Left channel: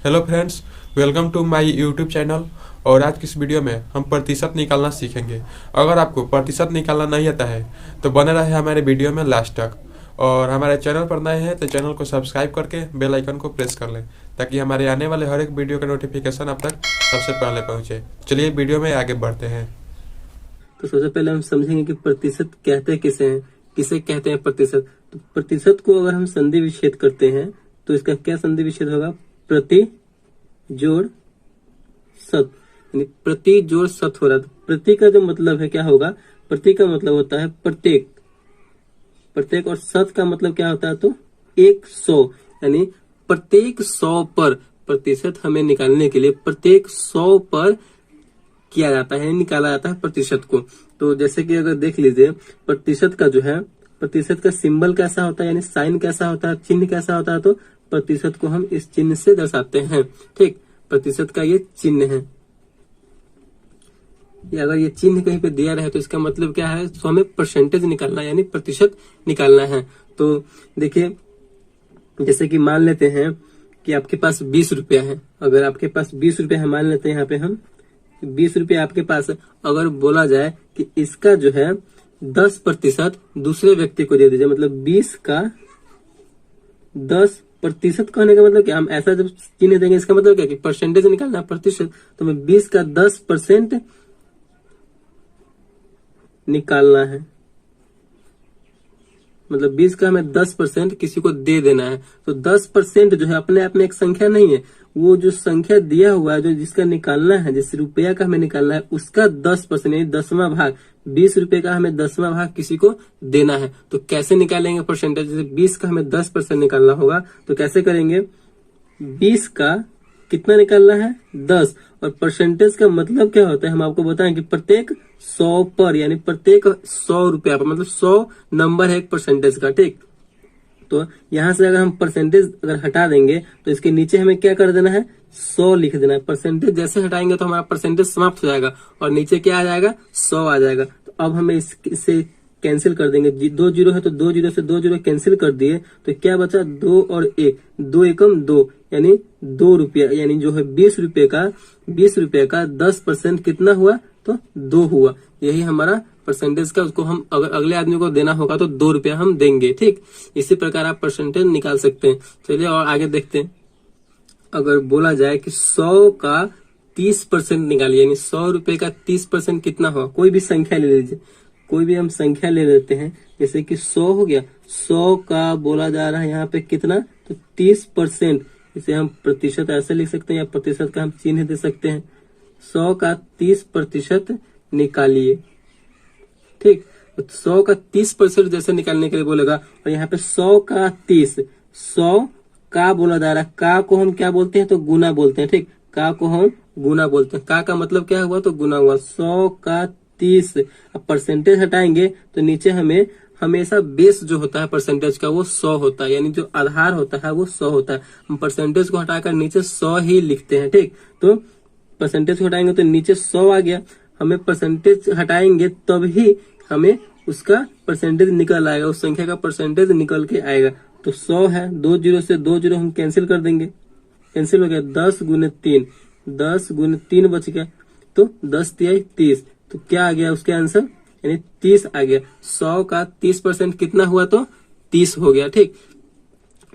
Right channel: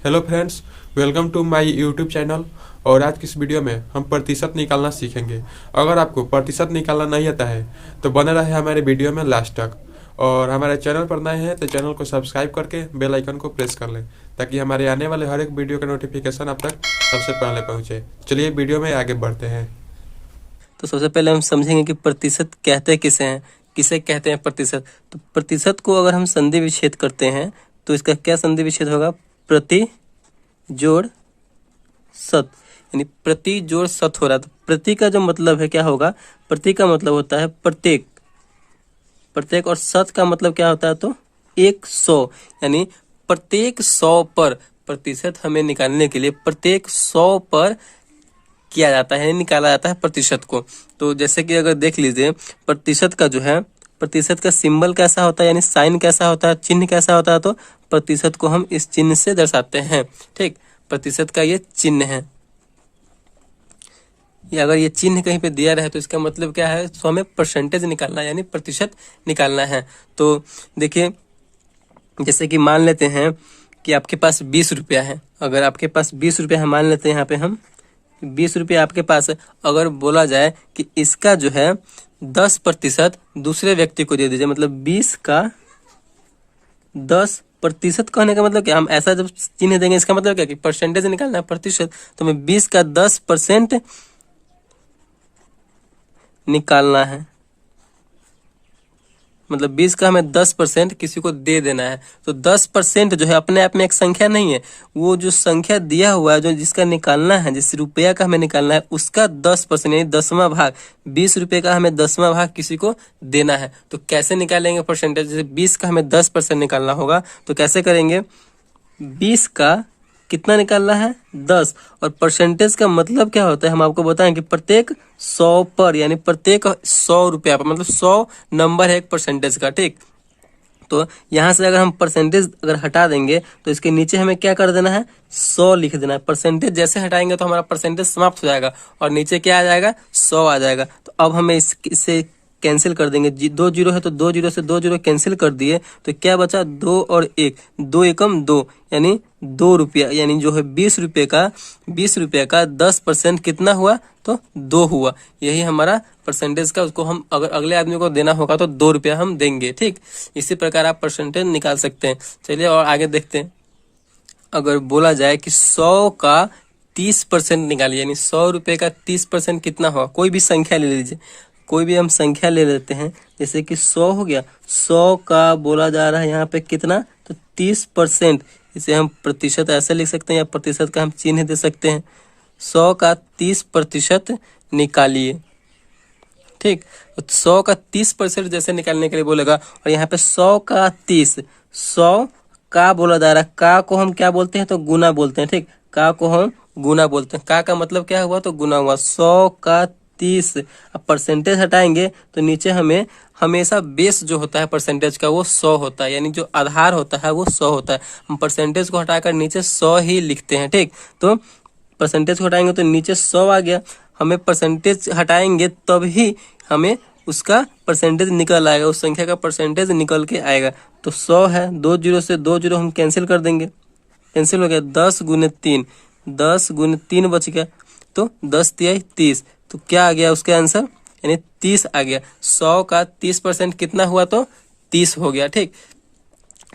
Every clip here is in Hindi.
Hello friends, welcome to my YouTube channel. और आज की इस वीडियो में हम प्रतिशत निकालना सीखेंगे। अगर आपको प्रतिशत निकालना नहीं आता है तो बने रहे हमारे वीडियो में लास्ट तक। और हमारे चैनल पर नए हैं तो चैनल को सब्सक्राइब करके बेल आइकन को प्रेस कर लें ताकि हमारे आने वाले हर एक वीडियो का नोटिफिकेशन आप तक सबसे पहले पहुंचे। चलिए वीडियो में आगे बढ़ते हैं। तो सबसे पहले हम समझेंगे कि प्रतिशत कहते किसे हैं, किसे कहते हैं प्रतिशत। तो प्रतिशत को अगर हम संधि विच्छेद करते हैं तो इसका क्या संधि विच्छेद होगा? प्रति जोड़ शत, यानी प्रति जोड़ शत हो रहा है। तो प्रति का जो मतलब है क्या होगा? प्रति का मतलब होता है प्रत्येक, प्रत्येक, और शत का मतलब क्या होता है? तो 100, यानी प्रत्येक 100 पर प्रतिशत हमें निकालने के लिए प्रत्येक 100 पर किया जाता है, निकाला जाता है प्रतिशत को। तो जैसे कि अगर देख लीजिए प्रतिशत का जो है, प्रतिशत का सिंबल कैसा होता है, यानी साइन कैसा होता है, चिन्ह कैसा होता है? तो प्रतिशत को हम इस चिन्ह से दर्शाते हैं। ठीक, प्रतिशत का ये चिन्ह है। या अगर ये चिन्ह कहीं पे दिया रहे तो इसका मतलब क्या है? तो हमें परसेंटेज निकालना है, यानी प्रतिशत निकालना है। तो देखिए, जैसे कि मान लेते हैं कि आपके पास 20 रुपया है। अगर आपके पास 20 रुपया है, मान लेते हैं यहाँ पे हम 20 रुपया आपके पास है। अगर बोला जाए कि इसका जो है 10% दूसरे व्यक्ति को दे दीजिए, मतलब 20 का 10% कहने का मतलब क्या? हम ऐसा जब चिन्ह देंगे इसका मतलब क्या कि परसेंटेज निकालना है, प्रतिशत। तो हमें 20 का 10% निकालना है, मतलब 20 का हमें 10% किसी को दे देना है। तो 10% जो है अपने आप में एक संख्या नहीं है, वो जो संख्या दिया हुआ है, जो जिसका निकालना है, जिस रुपया का हमें निकालना है, उसका 10% यानी 10वां भाग, 20 रुपये का हमें 10वां भाग किसी को देना है। तो कैसे निकालेंगे परसेंटेज? जैसे 20 का हमें 10% निकालना होगा तो कैसे करेंगे? 20 का कितना निकालना है? 10। और परसेंटेज का मतलब क्या होता है? हम आपको बताएं कि प्रत्येक 100 पर, यानी प्रत्येक 100 रुपया पर, मतलब 100 नंबर है एक परसेंटेज का। ठीक, तो यहां से अगर हम परसेंटेज अगर हटा देंगे तो इसके नीचे हमें क्या कर देना है? 100 लिख देना है। परसेंटेज जैसे हटाएंगे तो हमारा परसेंटेज समाप्त हो जाएगा और नीचे क्या आ जाएगा? 100 आ जाएगा। तो अब हमें इससे कैंसिल कर देंगे। 2 जीरो है तो 2 जीरो से 2 जीरो कैंसिल कर दिए तो क्या बचा? 2 और 1, 2 एकम 2, यानी 2 रुपया, यानी जो है 20 रुपये का 10% कितना हुआ? तो 2 हुआ। यही हमारा परसेंटेज का, उसको हम अगर अगले आदमी को देना होगा तो 2 रुपया हम देंगे। ठीक, इसी प्रकार आप परसेंटेज निकाल सकते हैं। चलिए और आगे देखते हैं। अगर बोला जाए कि 100 का 30% निकालिए, यानी 100 रुपये का 30% कितना होगा? कोई भी संख्या ले लीजिए, कोई भी हम संख्या ले लेते हैं। जैसे कि 100 हो गया, 100 का बोला जा रहा है यहाँ पे कितना? तो 30%। इसे हम प्रतिशत ऐसे लिख सकते हैं या प्रतिशत का हम चिन्ह दे सकते हैं। 100 का 30% निकालिए। ठीक, तो 100 का 30% जैसे निकालने के लिए बोलेगा, और यहाँ पे 100 का 30, 100 का बोला जा रहा है। का को हम क्या बोलते हैं? तो गुना बोलते हैं। ठीक, का को हम गुना बोलते हैं। का मतलब क्या हुआ? तो गुना हुआ। 100 का 30, अब परसेंटेज हटाएंगे तो नीचे हमें हमेशा बेस जो होता है परसेंटेज का वो 100 होता है, यानी जो आधार होता है वो 100 होता है। हम परसेंटेज को हटाकर नीचे 100 ही लिखते हैं। ठीक, तो परसेंटेज को हटाएंगे तो नीचे 100 आ गया। हमें परसेंटेज हटाएंगे तभी हमें उसका परसेंटेज निकल आएगा, उस संख्या का परसेंटेज निकल के आएगा। तो 100 है, 2 जीरो से 2 जीरो हम कैंसिल कर देंगे, कैंसिल हो गया। 10 गुने 3, 10 गुने 3 बच गया, तो 10 तिया 30। तो क्या आ गया उसका आंसर? यानी 30 आ गया। 100 का 30% कितना हुआ? तो 30 हो गया। ठीक,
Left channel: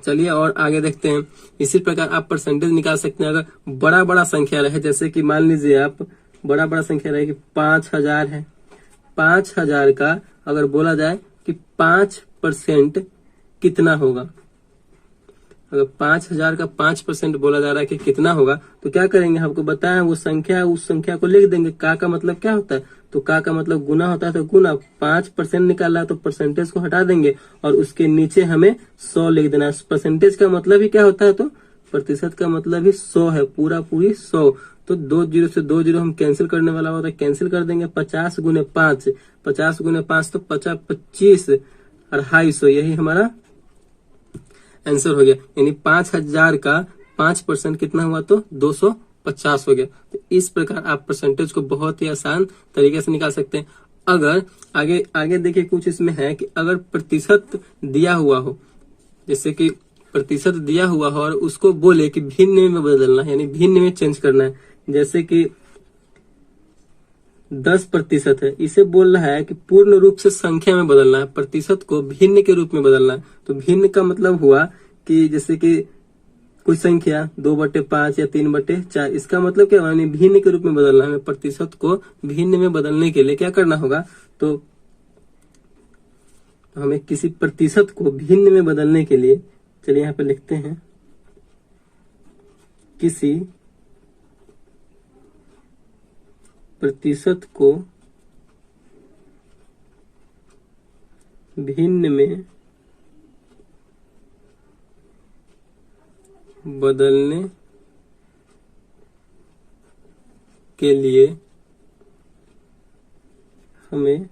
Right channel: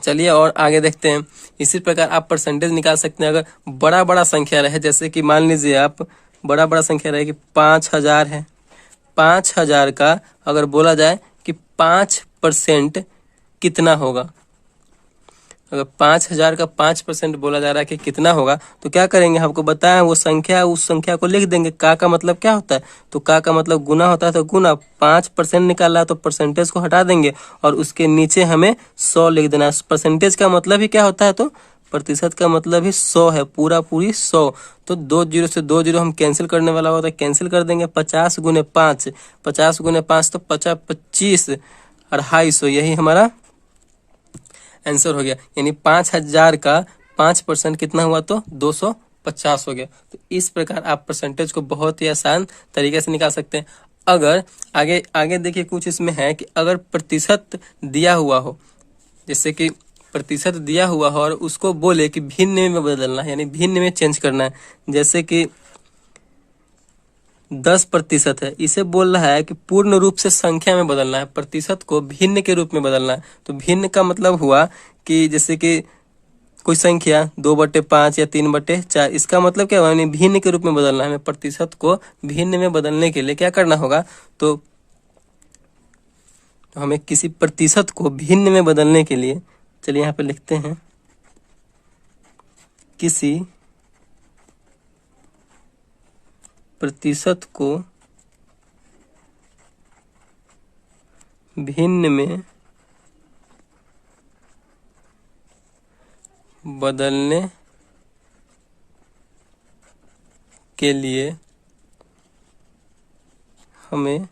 चलिए और आगे देखते हैं। इसी प्रकार आप परसेंटेज निकाल सकते हैं। अगर बड़ा बड़ा संख्या रहे, जैसे कि मान लीजिए आप बड़ा बड़ा संख्या रहे कि 5000 है, 5000 का अगर बोला जाए कि 5% कितना होगा? अगर 5000 का 5% बोला जा रहा है कि कितना होगा, तो क्या करेंगे? आपको बताया वो संख्या, उस संख्या को लिख देंगे। का मतलब क्या होता है? तो का मतलब गुना होता है, तो गुना। 5% निकाला है तो परसेंटेज को हटा देंगे और उसके नीचे हमें 100 लिख देना है। परसेंटेज का मतलब ही क्या होता है? तो प्रतिशत का मतलब ही 100 है, पूरा पूरी 100। तो 2 जीरो से 2 जीरो हम कैंसिल करने वाला होता है, कैंसिल कर देंगे। 50 गुने 5, 50 गुने 5 तो 50, 25, 250, यही हमारा आंसर हो गया। यानी 5000 का 5% कितना हुआ? तो 250 हो गया। तो इस प्रकार आप परसेंटेज को बहुत ही आसान तरीके से निकाल सकते हैं। अगर आगे आगे देखिए, कुछ इसमें है कि अगर प्रतिशत दिया हुआ हो, जैसे कि प्रतिशत दिया हुआ है और उसको बोले कि भिन्न में बदलना है, यानी भिन्न में चेंज करना है। जैसे कि 10% है, इसे बोल रहा है कि पूर्ण रूप से संख्या में बदलना है, प्रतिशत को भिन्न के रूप में बदलना है। तो भिन्न का मतलब हुआ कि जैसे कि कोई संख्या 2/5 या 3/4, इसका मतलब क्या हुआ, यानी भिन्न के रूप में बदलना है। हमें प्रतिशत को भिन्न में बदलने के लिए क्या करना होगा, तो हमें किसी प्रतिशत को भिन्न में बदलने के लिए, चलिए यहाँ पे लिखते हैं, किसी प्रतिशत को भिन्न में बदलने के लिए हमें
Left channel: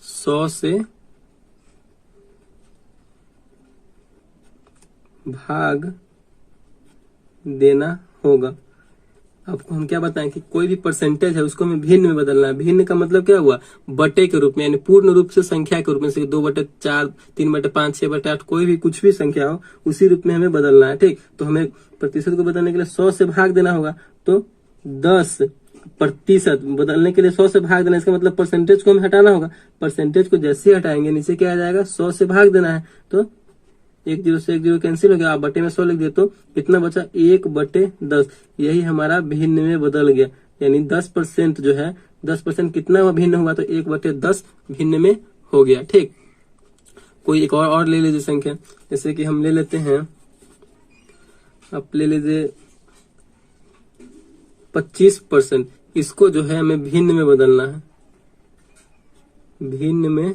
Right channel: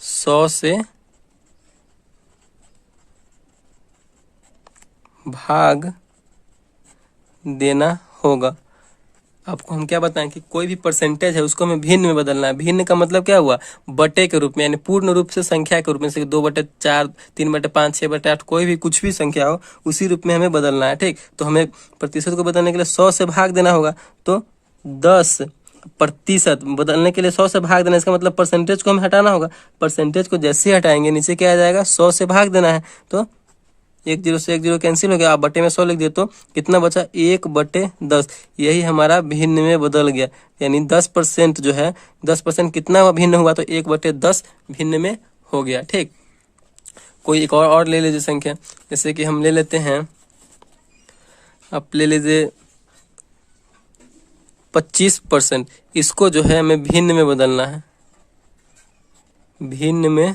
100 से भाग देना होगा। आपको हम क्या बताएं कि कोई भी परसेंटेज है उसको हमें भिन्न में बदलना है। भिन्न का मतलब क्या हुआ, बटे के रूप में, यानी पूर्ण रूप से संख्या के रूप में, जैसे 2/4, 3/5, 6/8, कोई भी कुछ भी संख्या हो उसी रूप में हमें बदलना है। ठीक, तो हमें प्रतिशत को बदलने के लिए 100 से भाग देना होगा। तो 10% बदलने के लिए 100 से भाग देना, इसका मतलब परसेंटेज को हमें हटाना होगा। परसेंटेज को जैसे ही हटाएंगे नीचे क्या आ जाएगा, 100 से भाग देना है। तो 1 0 से 1 0 कैंसिल हो गया, आप बटे में 100 लिख दिए तो कितना बचा, 1/10। यही हमारा भिन्न में बदल गया, यानी 10% जो है, 10% कितना भिन्न हुआ, तो 1/10 भिन्न में हो गया। ठीक, कोई एक और ले लीजिए संख्या, जैसे कि हम ले लेते हैं, आप ले लीजिए 25%, इसको जो है हमें भिन्न में बदलना है, भिन्न में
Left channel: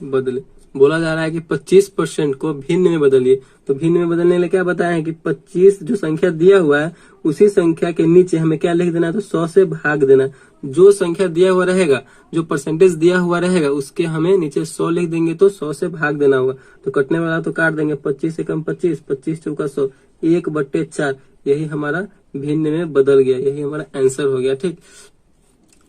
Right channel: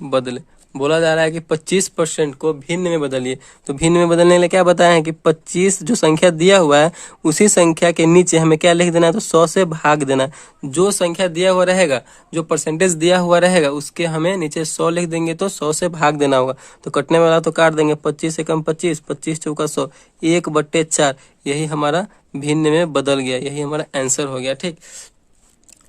बदले। बोला जा रहा है कि 25% को भिन्न में बदलिए। तो भिन्न में बदलने के लिए क्या बताया है कि 25 जो संख्या दिया हुआ है उसी संख्या के नीचे हमें क्या लिख देना है, तो 100 से भाग देना है। जो संख्या दिया हुआ रहेगा, जो परसेंटेज दिया हुआ रहेगा, उसके हमें नीचे 100 लिख देंगे, तो 100 से भाग देना होगा। तो कटने वाला तो काट देंगे, 25 से कम 25, 25 चौका 100, 1/4। यही हमारा भिन्न में बदल गया, यही हमारा आंसर हो गया। ठीक,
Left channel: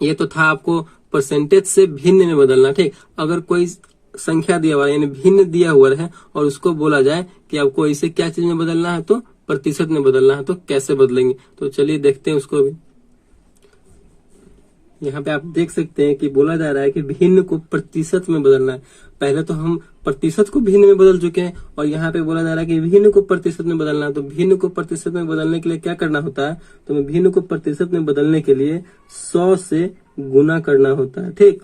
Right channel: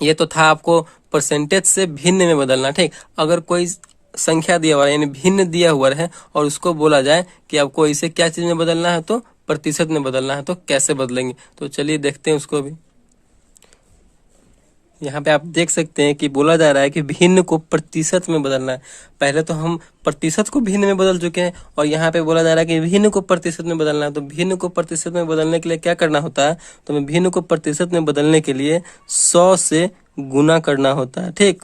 ये तो था आपको परसेंटेज से भिन्न में बदलना। ठीक, अगर कोई संख्या दिया हुआ है, यानी भिन्न दिया हुआ है, और उसको बोला जाए कि आपको इसे क्या चीज में बदलना है, तो प्रतिशत में बदलना है, तो कैसे बदलेंगे, तो चलिए देखते हैं उसको भी। यहाँ पे आप देख सकते हैं कि बोला जा रहा है कि भिन्न को प्रतिशत में बदलना है। पहले तो हम प्रतिशत को भिन्न में बदल चुके हैं, और यहाँ पे बोला जा रहा है कि भिन्न को प्रतिशत में बदलना है। तो भिन्न को प्रतिशत में बदलने के लिए क्या करना होता है, तो हमें भिन्न को प्रतिशत में बदलने के लिए 100 से गुना करना होता है। ठीक,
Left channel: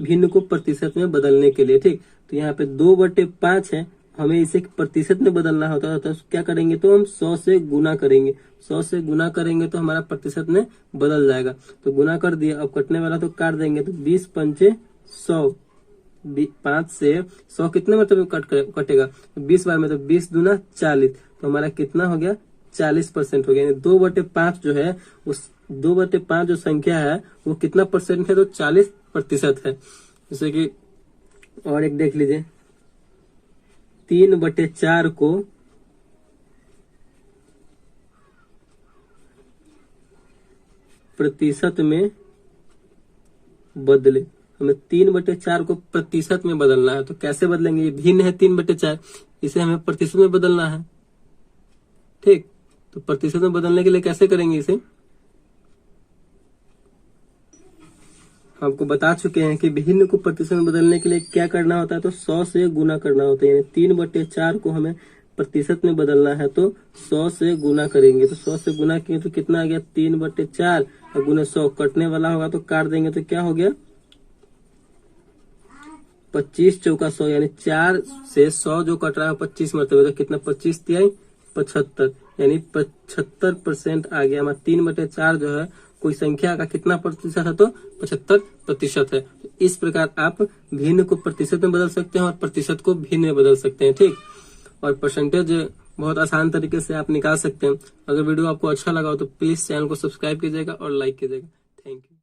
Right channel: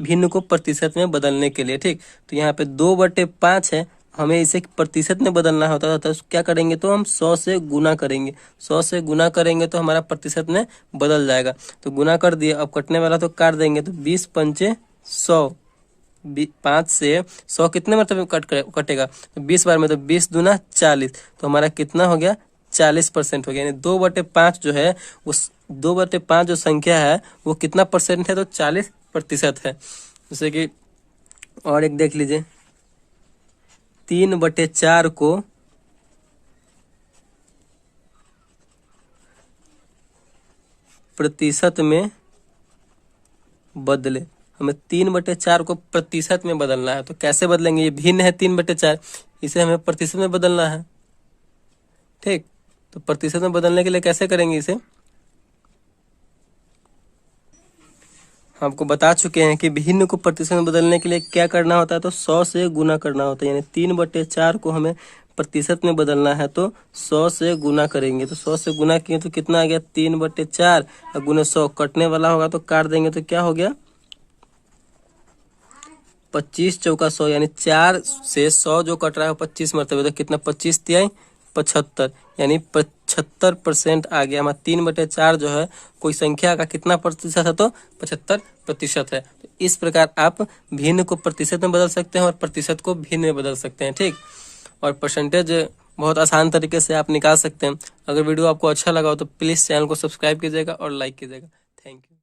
भिन्न को प्रतिशत में बदलने के लिए। ठीक, तो यहाँ पे 2/5 है, हमें इसे प्रतिशत में बदलना होता है, तो क्या करेंगे, तो हम 100 से गुना करेंगे। 100 से गुना करेंगे तो हमारा प्रतिशत में बदल जाएगा। तो गुना कर दिए, अब कटने वाला तो काट देंगे, तो 20 पंचे 100, 5 से 100 कितने मतलब कटेगा, तो 20 बार में, तो 20 दूना 40, तो हमारा कितना हो गया, 40% हो गया। यानी 2/5 जो है, उस 2/5 जो संख्या है वो कितना परसेंट है, तो 40% है। जैसे कि और एक देख लीजिए, 3/4 को प्रतिशत में बदले। हमें 3/4 को प्रतिशत में बदलना है, तो कैसे बदलेंगे, ये भिन्न है 3/4, इसे हमें प्रतिशत में बदलना है। ठीक, तो प्रतिशत में बदलने के लिए कैसे करेंगे, इसे आपको बता चुके हैं कि भिन्न को प्रतिशत में बदलने के लिए क्या करना होता है, तो 100 से गुना करना होता है। यानी 3/4 को हमें प्रतिशत में बदलना है, तो 100 से गुना करेंगे। तो 100 से गुना किए तो कितना आ गया, 3/4 और गुना 100, कटने वाला होगा तो काट देंगे, तो क्या हो गया, 25 चौका 100, यानी 4 से 100 जो कट रहा है 25 मरतबे, तो कितना, 25 तिहाई 75, यानी 75% आ गया हमारा। 3/4 जो है कोई संख्या का कितना प्रतिशत है, तो 75% है। तो इस प्रकार आप भिन्न को प्रतिशत में बदल सकते हैं और प्रतिशत को भिन्न में बदल सकते हैं। ठीक, और परसेंटेज बहुत आसान तरीके से आप निकाल सकते हैं। अगर वीडियो आपको अच्छा लगा हो तो प्लीज चैनल को सब्सक्राइब कीजिएगा और लाइक कीजिएगा। Thank you.